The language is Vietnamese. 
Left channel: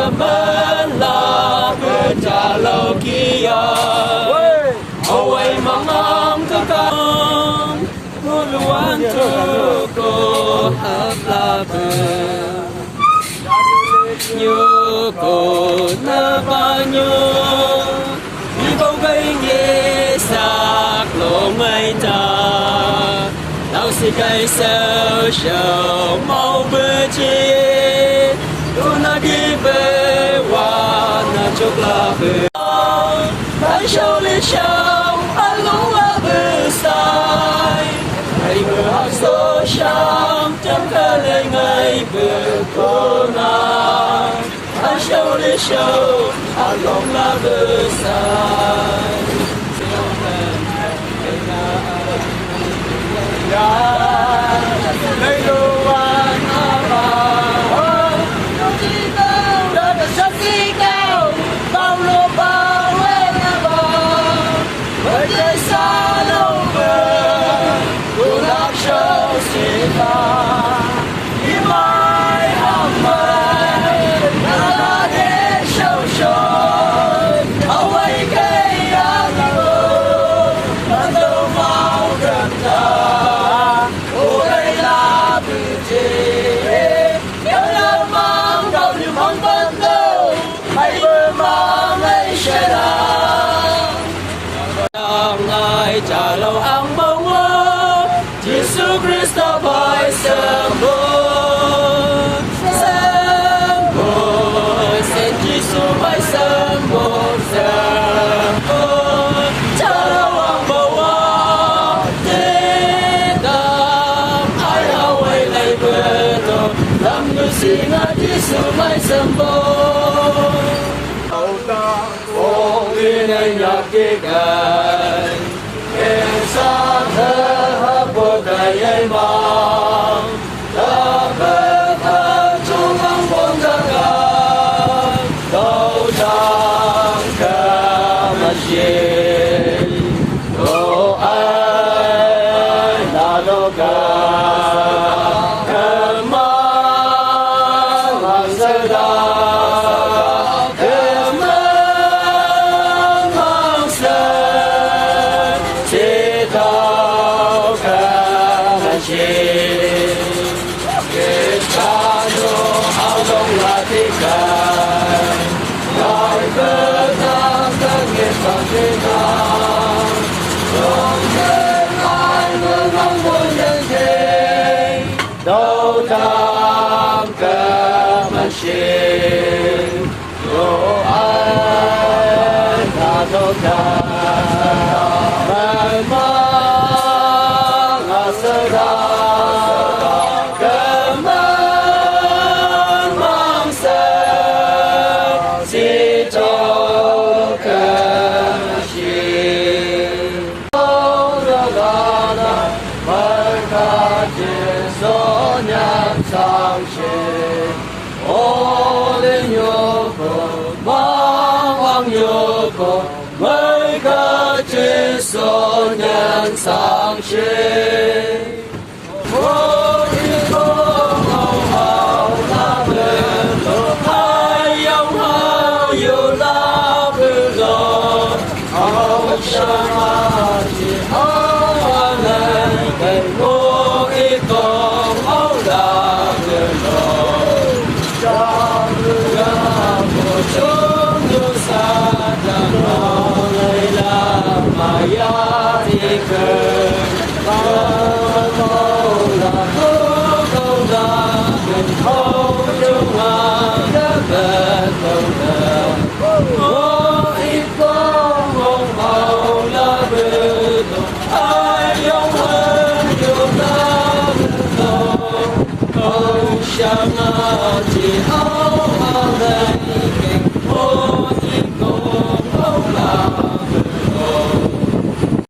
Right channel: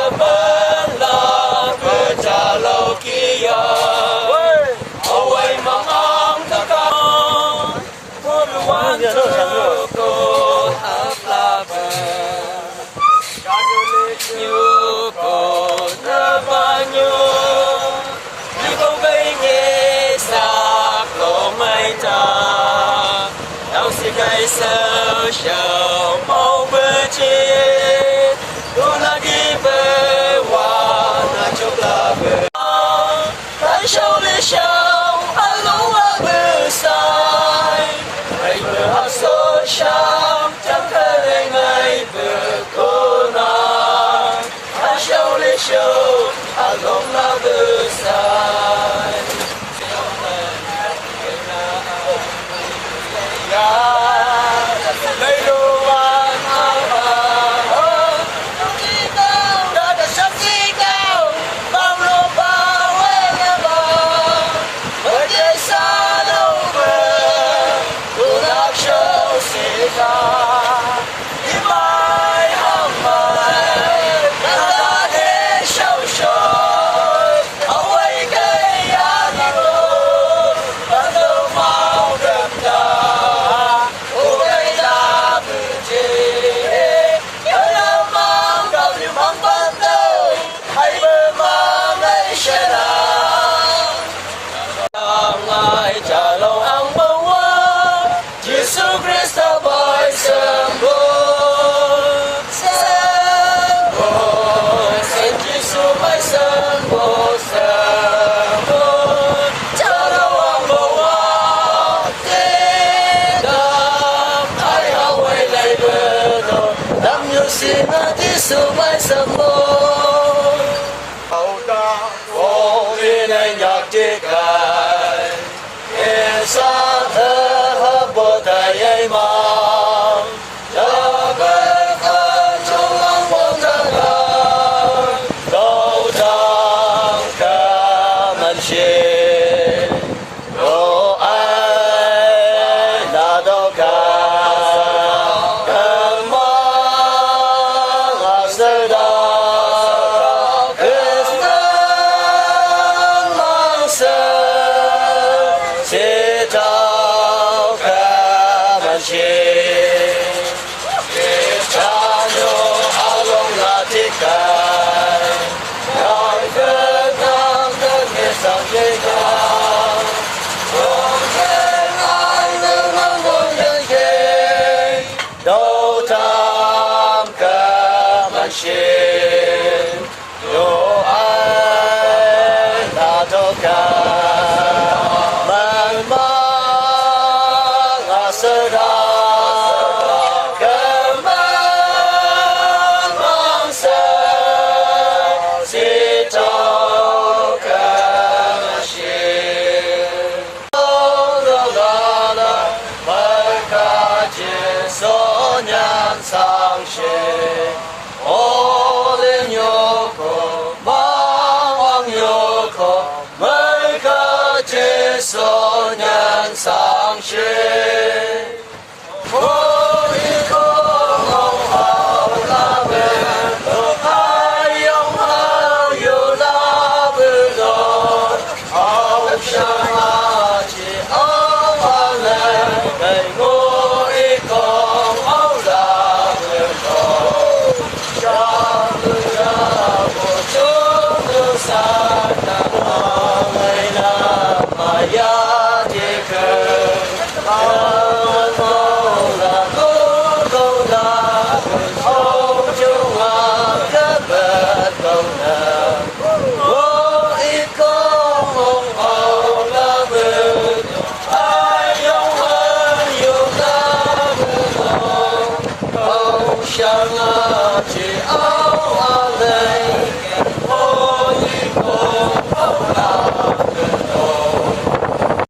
cảm ơn là vừa trả lâu kia hầu ấy mong mong thức con cô luan tu cô hấp la bờ như cô na bao nhiêu như câu gây nghe sạc lộ mây ta đau xin cây sơ chờ mau bơi chết tu na đi về hoa na chúc la về đã sâu lên sông anh lũ qua bờ sai ngày bờ số sông chẳng khơi lên ngày bờ cô na đã sâu lên sông anh lũ qua bờ sai trả lâu ang bawa Jesus Christo boy sembuh xin Jesus boy sembuh trả lâu ang bawa tidak ai hawai lay betul lam yusin Jesus boy sembuh tàu ta ô ini nyak jigai sa thơ hấp bộ đầy ấy mong đã biết ta chung ăn phong ta cả đâu chẳng cả ngân xin đâu ai là đâu cả cơm mang là sơ đà cơm mang sơ đâu tham cảm ơn xin đâu ai là đâu cả mang là sơ đà cảm ơn mang sơ xin cho cảm ơn xin đâu là mời cả trên số nhân sang trên ô lên nhô cổ mong hoàng nhô cổ mời cả trên số nhân sang trên ô lên không không nào là bên lỡ hai ông hao yêu là bên lỡ ông sang à chỉ ông hoàng lên đầy ngô ý con ông là bên lỡ ra một chút như xa đằng ngày là mà